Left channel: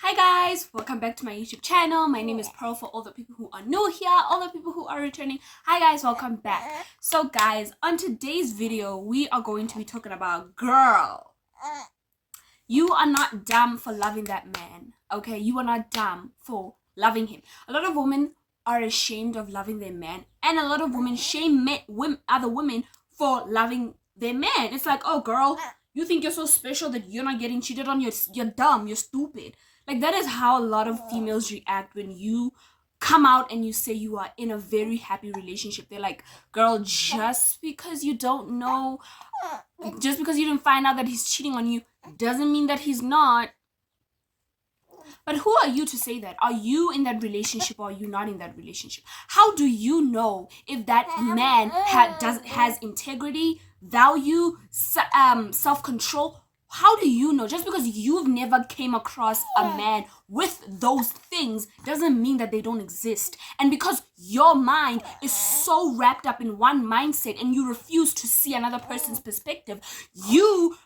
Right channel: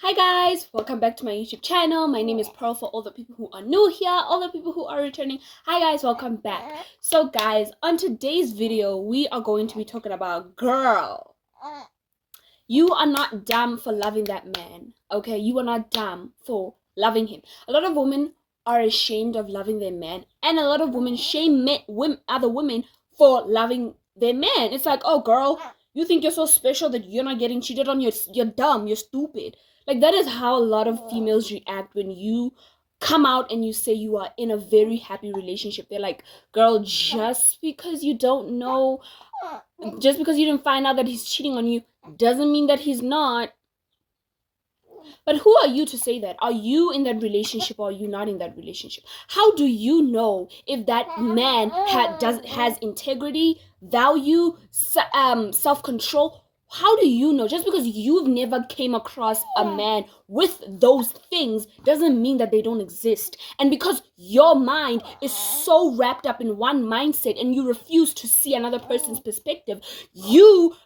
Hi guys, welcome back to my YouTube channel. My name is Pearl for all the people who are new here, all the people who are returning. Hi guys, welcome back. So guys, on today's video, we are going to be talking about girl. You are not dumb for loving that man, okay? You are not dumb for loving him. A lot of women are ashamed of loving their man, and a lot of women shame other women for loving their man. It's like, oh girl, you think you're so special that you're not getting cheated on? You're dumb, you're stupid. Like, that is how a lot of females react when you come out and you say you are in a very happy relationship. They're like, girl, just because you don't know, just because you didn't find out that he's cheating on you doesn't mean that he's not. But who are you to say that? Are you in that relationship or are you not in that relationship? How do you know if that man has integrity, value, self-control? How do you know? Just because you've never came across a man with those things doesn't mean that they don't exist. And because your mind is so wrapped up in one mindset and you refuse to see another person's perspective, you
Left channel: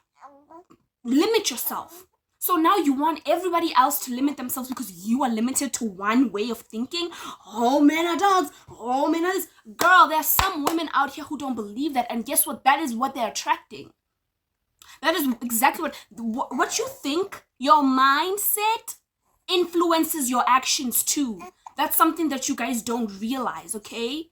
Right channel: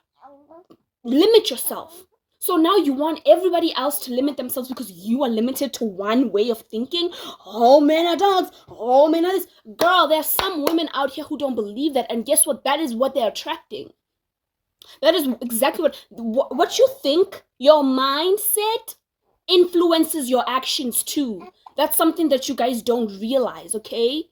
limit yourself. So now you want everybody else to limit themselves because you are limited to one way of thinking. Oh, men are dogs. Oh, men are this. Girl, there are some women out here who don't believe that. And guess what? That is what they're attracting. That is exactly what you think. Your mindset influences your actions too. That's something that you guys don't realize, okay?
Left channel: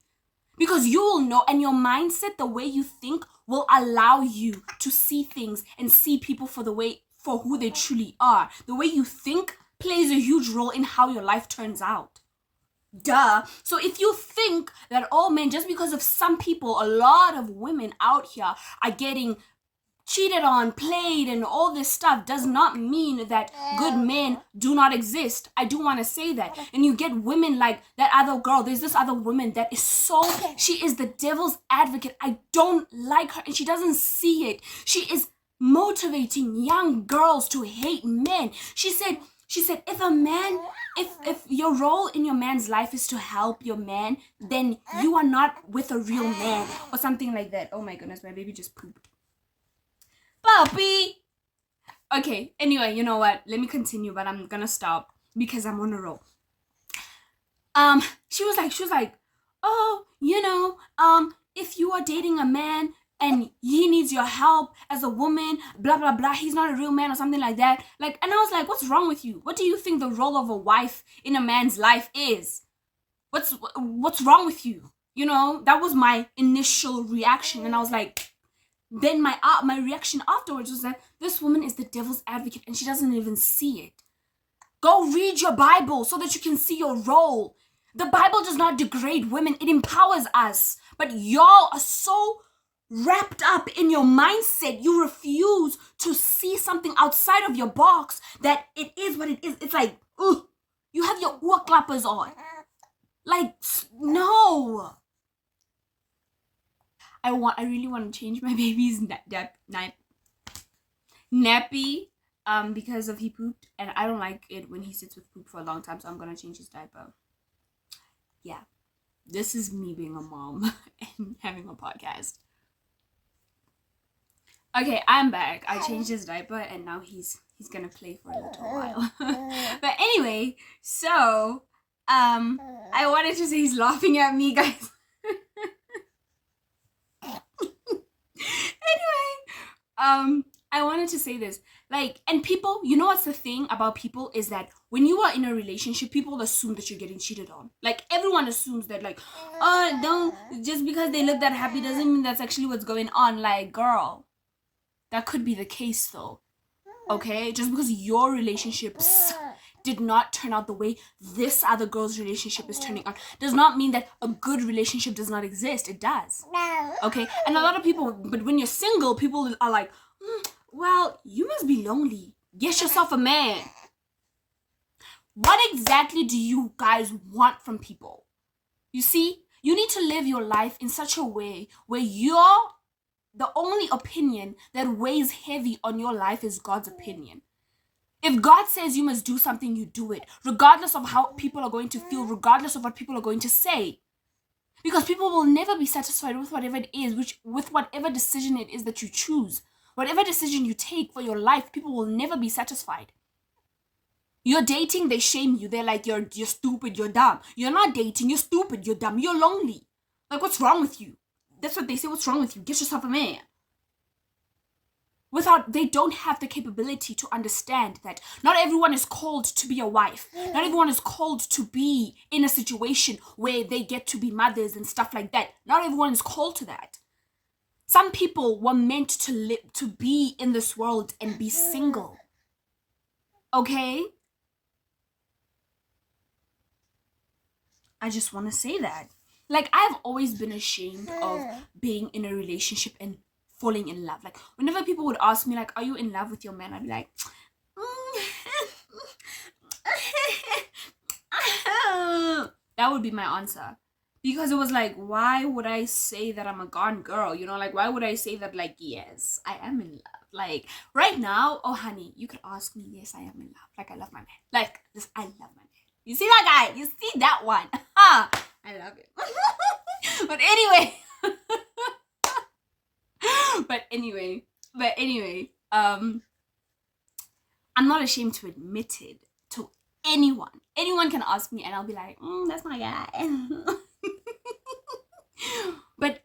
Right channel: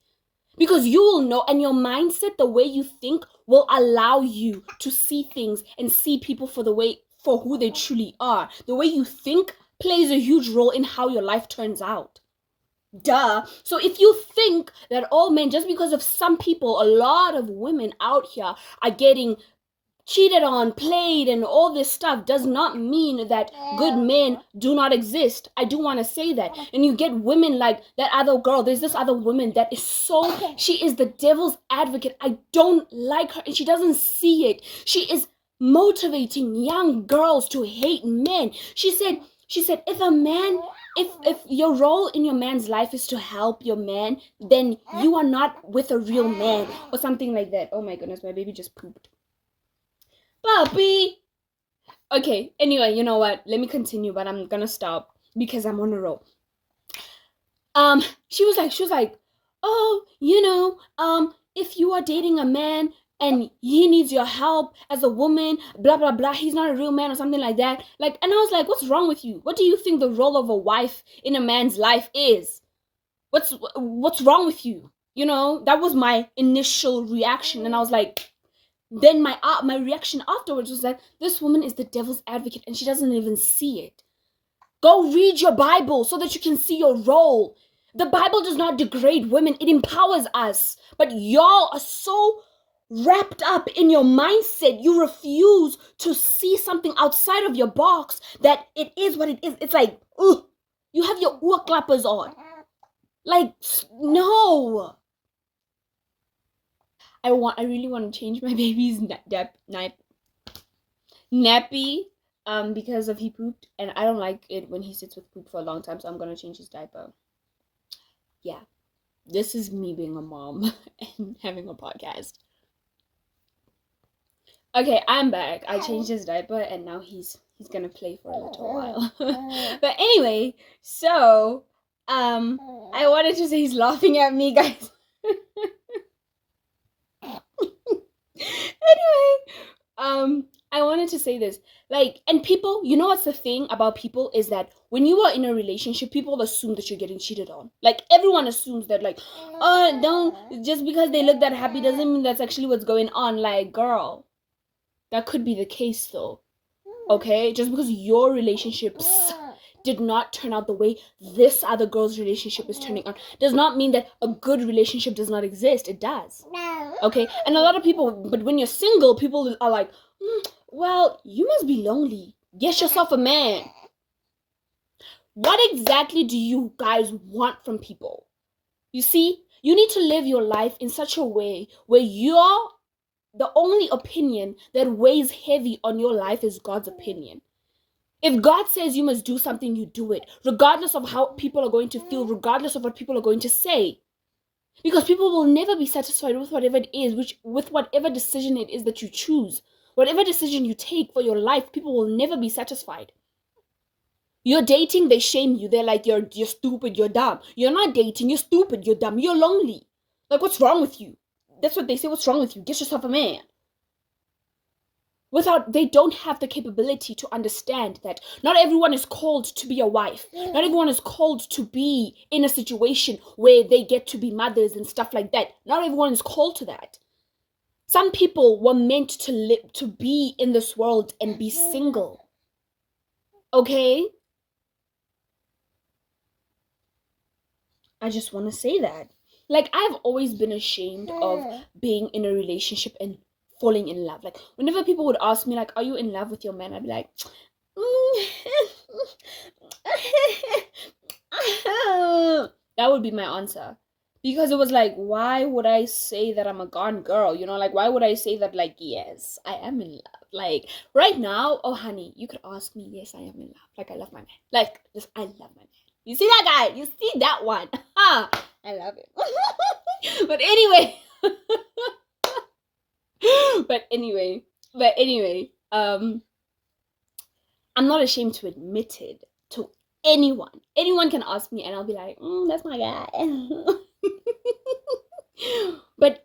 Because you will know, and your mindset, the way you think, will allow you to see things and see people for who they truly are. The way you think plays a huge role in how your life turns out. Duh. So if you think that, oh man, just because of some people, a lot of women out here are getting cheated on, played, and all this stuff, does not mean that good men do not exist. I do want to say that. And you get women like that other girl. There's this other woman that is she is the devil's advocate. I don't like her and she doesn't see it. She is motivating young girls to hate men. She said if your role in your man's life is to help your man, then you are not with a real man, or something like that. Oh my goodness, my baby just pooped. Puppy. Okay, anyway, you know what? Let me continue, but I'm gonna stop because I'm on a roll. She was like, oh, if you are dating a man and he needs your help as a woman, blah blah blah, he's not a real man or something like that. Like, and I was like, what's wrong with you? What do you think the role of a wife in a man's life is? What's wrong with you? You know, that was my initial reaction, and I was like, then my reaction afterwards was that this woman is the devil's advocate and she doesn't even see it. Go read your Bible so that you can see your role. The Bible does not degrade women, it empowers us. But y'all are so wrapped up in your mindset, you refuse to see something outside of your box, that it is what it is. It's like, ugh, you have your ear clappers on. Like, no. I really want to change my baby's nappy because of he pooped, and I don't like it when he sits with poop for a long time, so I'm gonna change his diaper. Yeah, this is me being a mom and having a podcast. Okay, I'm back. I changed his diaper and now he's gonna play for a little while. But anyway, so I wanted to say he's laughing at me, guys. Anyway, I wanted to say this. Like, and people, you know what's the thing about people is that when you are in a relationship, people assume that you're getting cheated on. Like, everyone assumes that, like, oh, don't, just because they look that happy doesn't mean that's actually what's going on. Like, girl, that could be the case though. Okay? Just because your relationships did not turn out the way this other girl's relationship is turning out does not mean that a good relationship does not exist. It does. Okay? And a lot of people, but when you're single, people are like, well, you must be lonely. Get yourself a man. What exactly do you guys want from people? You see, you need to live your life in such a way where the only opinion that weighs heavy on your life is God's opinion. If God says you must do something, you do it, regardless of how people are going to feel, regardless of what people are going to say. Because people will never be satisfied with whatever it is, with whatever decision it is that you choose. Whatever decision you take for your life, people will never be satisfied. You're dating, they shame you. They're like, you're stupid, you're dumb. You're not dating, you're stupid, you're dumb, you're lonely. Like, what's wrong with you? That's what they say, what's wrong with you? Get yourself a man. They don't have the capability to understand that not everyone is called to be a wife. Not everyone is called to be in a situation where they get to be mothers and stuff like that. Not everyone is called to that. Some people were meant to live, to be in this world and be single. Okay? I just want to say that. Like, I've always been ashamed of being in a relationship and falling in love. Like, whenever people would ask me, like, are you in love with your man? I'd be like, that would be my answer. Because it was like, why would I say that I'm a gone girl? You know, like, why would I say that, like, yes, I am in love? Like, right now, oh, honey, you could ask me, yes, I am in love. Like, I love my man. Like, this, I love my man. You see that guy? You see that one? I love it. But anyway. But anyway, I'm not ashamed to admit it to anyone. Anyone can ask me and I'll be like, that's my guy. But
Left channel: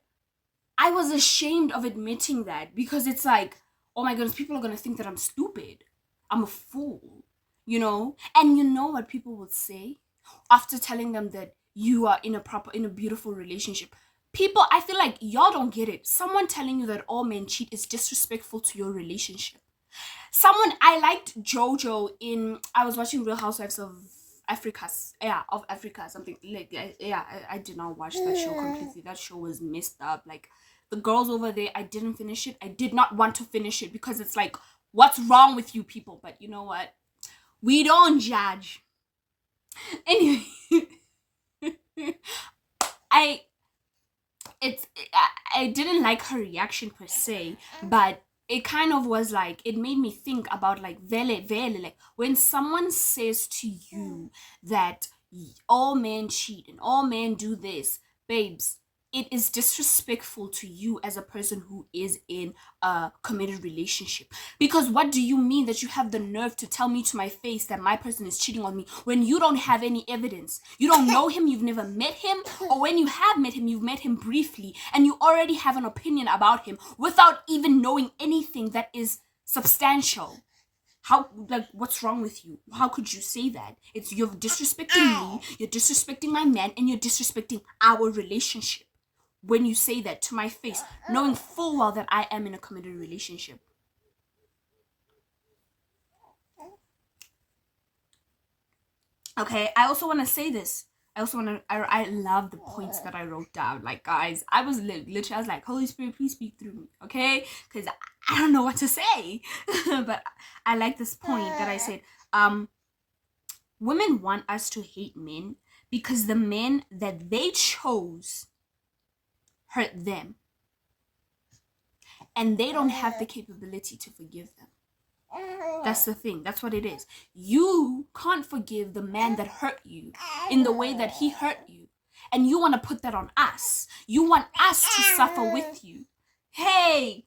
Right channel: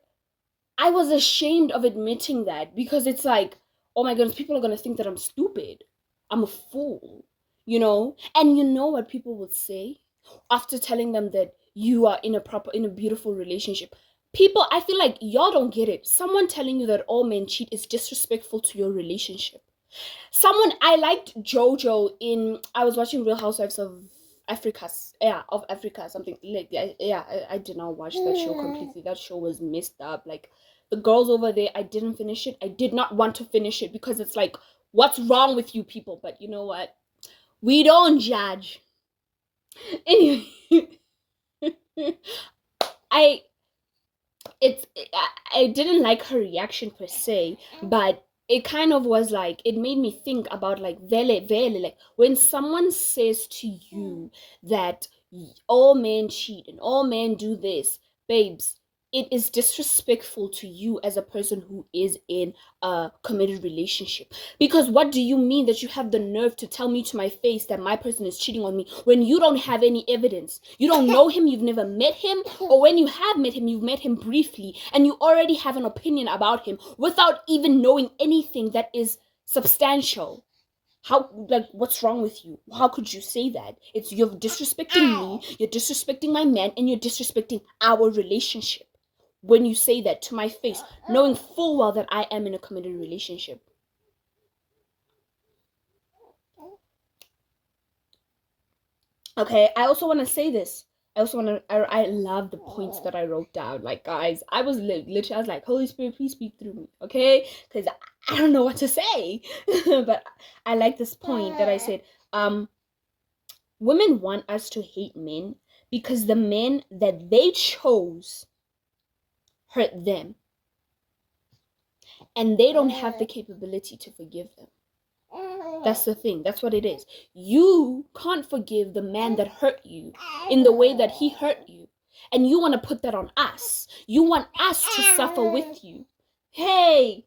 I was ashamed of admitting that because it's like, oh my goodness, people are going to think that I'm stupid. I'm a fool, you know? And you know what people would say after telling them that you are in a beautiful relationship? People, I feel like y'all don't get it. Someone telling you that all men cheat is disrespectful to your relationship. I liked JoJo I was watching Real Housewives of Africa, something like that. I did not watch that show completely. That show was messed up. Like, the girls over there, I didn't finish it. I did not want to finish it because it's like, what's wrong with you people? But you know what? We don't judge. Anyway, I didn't like her reaction per se, but it kind of was like, it made me think about like vele, like when someone says to you that all men cheat and all men do this, babes, it is disrespectful to you as a person who is in a committed relationship. Because what do you mean that you have the nerve to tell me to my face that my person is cheating on me when you don't have any evidence? You don't know him, you've never met him, or when you have met him, you've met him briefly and you already have an opinion about him without even knowing anything that is substantial. How, like, what's wrong with you? How could you say that? You're disrespecting me, you're disrespecting my man, and you're disrespecting our relationship when you say that to my face, knowing full well that I am in a committed relationship. Okay, I also want to say this. I love the points that I wrote down. Like, guys, I was literally, I was like, Holy Spirit, please speak through me, okay? Because I don't know what to say. But I like this point that I said, women want us to hate men because the men that they chose hurt them. And they don't have the capability to forgive them. That's the thing. That's what it is. You can't forgive the man that hurt you in the way that he hurt you. And you want to put that on us. You want us to suffer with you. Hey!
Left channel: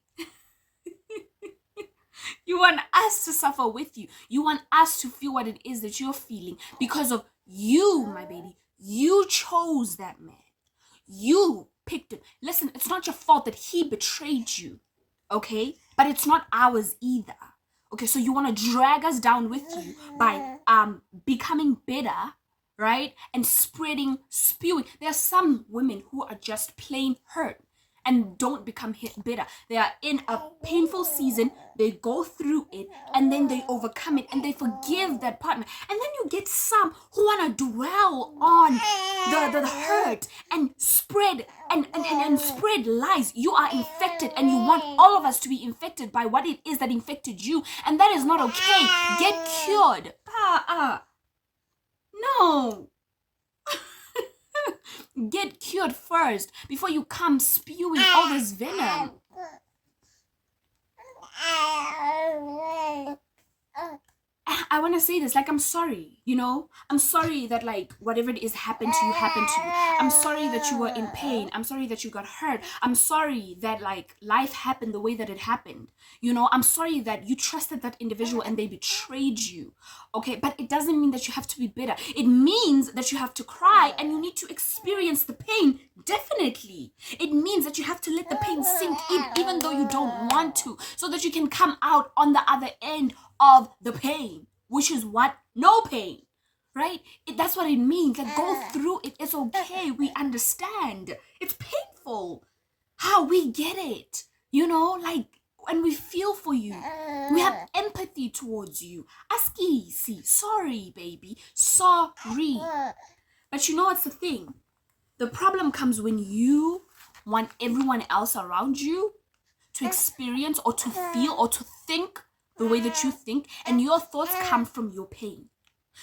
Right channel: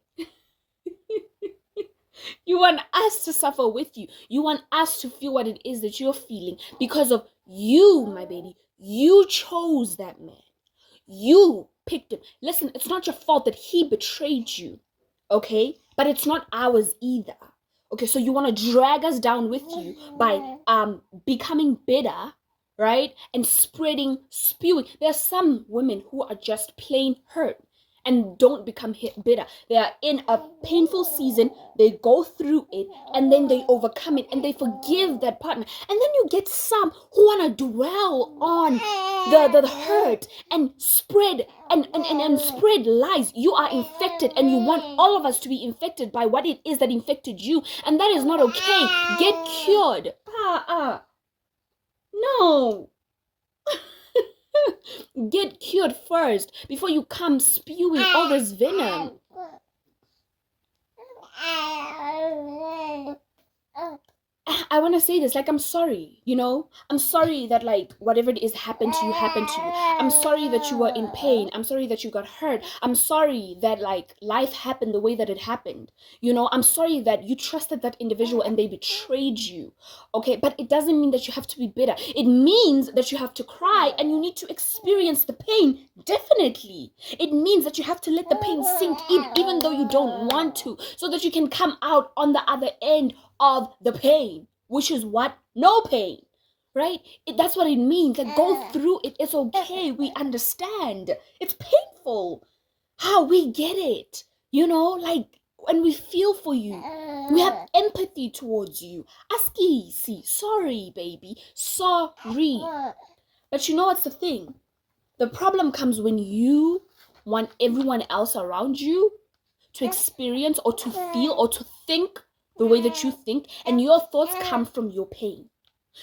You want us to suffer with you. You want us to feel what it is that you're feeling because of you, my baby. You chose that man. You picked him. Listen, it's not your fault that he betrayed you, okay? But it's not ours either. Okay, so you want to drag us down with you by becoming bitter, right? And spewing. There are some women who are just plain hurt and don't become bitter. They are in a painful season, they go through it, and then they overcome it, and they forgive that partner. And then you get some who want to dwell on the hurt and spread and spread lies. You are infected, and you want all of us to be infected by what it is that infected you, and that is not okay. Get cured. No. Get cured first before you come spewing all this venom. I want to say this, like, I'm sorry, you know? I'm sorry that, like, whatever it is happened to you happened to you. I'm sorry that you were in pain. I'm sorry that you got hurt. I'm sorry that, like, life happened the way that it happened. You know, I'm sorry that you trusted that individual and they betrayed you. Okay, but it doesn't mean that you have to be bitter. It means that you have to cry and you need to experience the pain, definitely. It means that you have to let the pain sink in, even though you don't want to, so that you can come out on the other end of the pain, which is what? No pain, right? That's what it means. Like, go through it. It's okay. We understand. It's painful. How we get it, you know, like, when we feel for you, we have empathy towards you. Aski, see, sorry, baby, sorry. But you know what's the thing? The problem comes when you want everyone else around you to experience or to feel or to think the way that you think, and your thoughts come from your pain.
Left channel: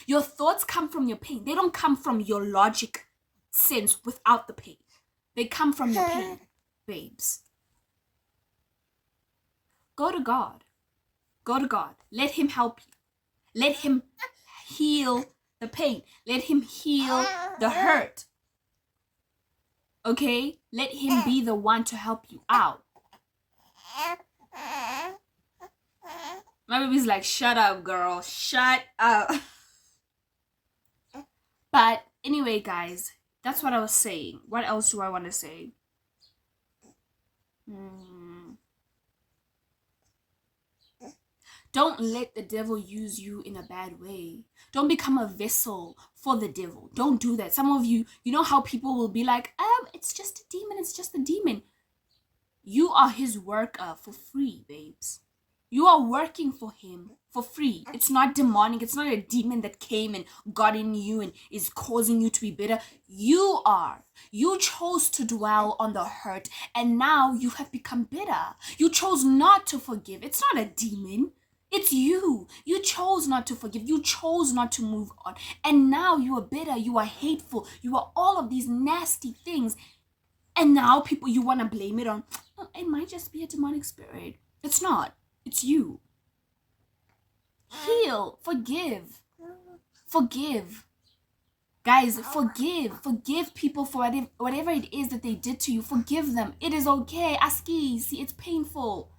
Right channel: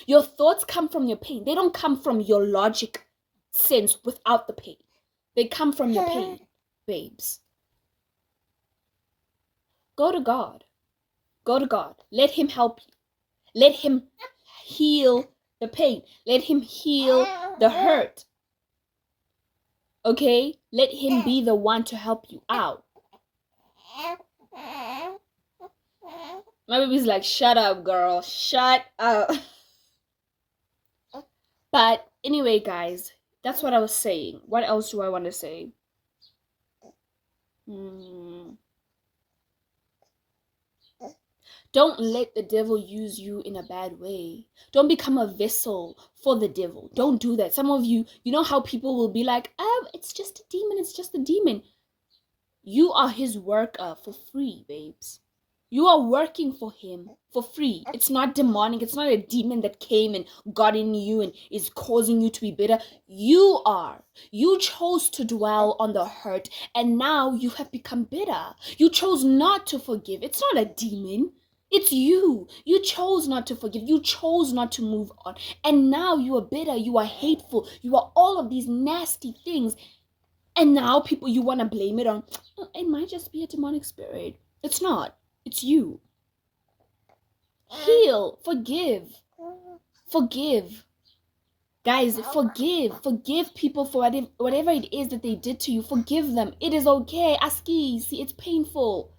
Your thoughts come from your pain. They don't come from your logic sense without the pain. They come from your pain, babes. Go to God. Go to God. Let him help you. Let him heal the pain. Let him heal the hurt. Okay? Let him be the one to help you out. My baby's like, shut up, girl. Shut up. But anyway, guys, that's what I was saying. What else do I want to say? Don't let the devil use you in a bad way. Don't become a vessel for the devil. Don't do that. Some of you, you know how people will be like, it's just a demon. It's just a demon. You are his worker for free, babes. You are working for him for free. It's not demonic. It's not a demon that came and got in you and is causing you to be bitter. You are. You chose to dwell on the hurt, and now you have become bitter. You chose not to forgive. It's not a demon. It's you. You chose not to forgive. You chose not to move on. And now you are bitter. You are hateful. You are all of these nasty things. And now people, you want to blame it on, oh, it might just be a demonic spirit. It's not. It's you. Heal. Forgive. Forgive. Guys, forgive. Forgive people for whatever it is that they did to you. Forgive them. It is okay. Aski, see, it's painful.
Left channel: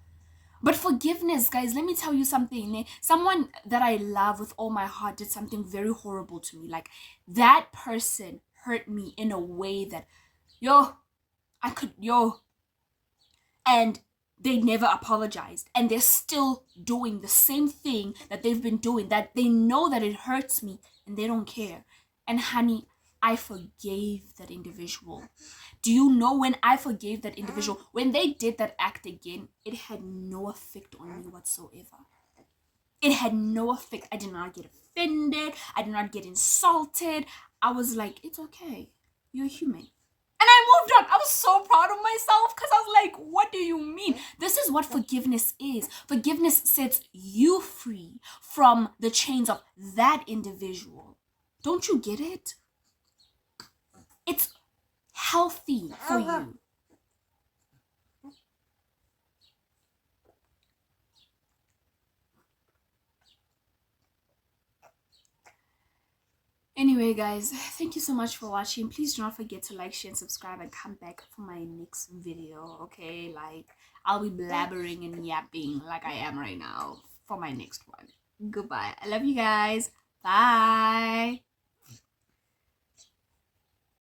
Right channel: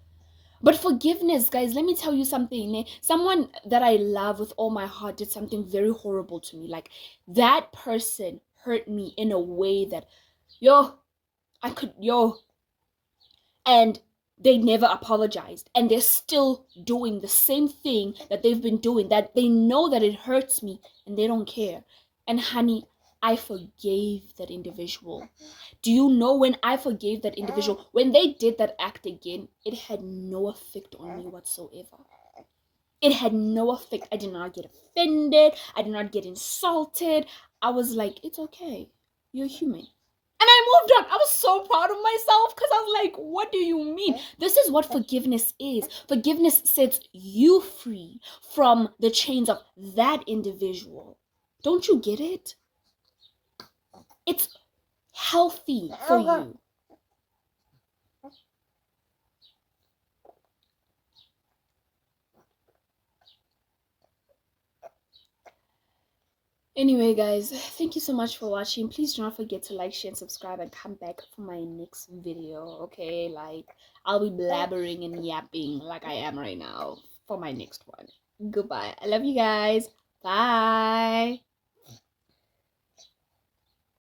But forgiveness, guys, let me tell you something. Someone that I love with all my heart did something very horrible to me. Like, that person hurt me in a way that, and they never apologized, and they're still doing the same thing that they've been doing, that they know that it hurts me, and they don't care. And honey, I forgave that individual. Do you know, when I forgave that individual, when they did that act again, it had no effect on me whatsoever. It had no effect. I did not get offended. I did not get insulted. I was like, it's okay. You're human. And I moved on. I was so proud of myself because I was like, what do you mean? This is what forgiveness is. Forgiveness sets you free from the chains of that individual. Don't you get it? It's healthy for you. Anyway, guys, thank you so much for watching. Please do not forget to like, share, and subscribe, and come back for my next video, okay? Like, I'll be blabbering and yapping like I am right now for my next one. Goodbye. I love you guys. Bye.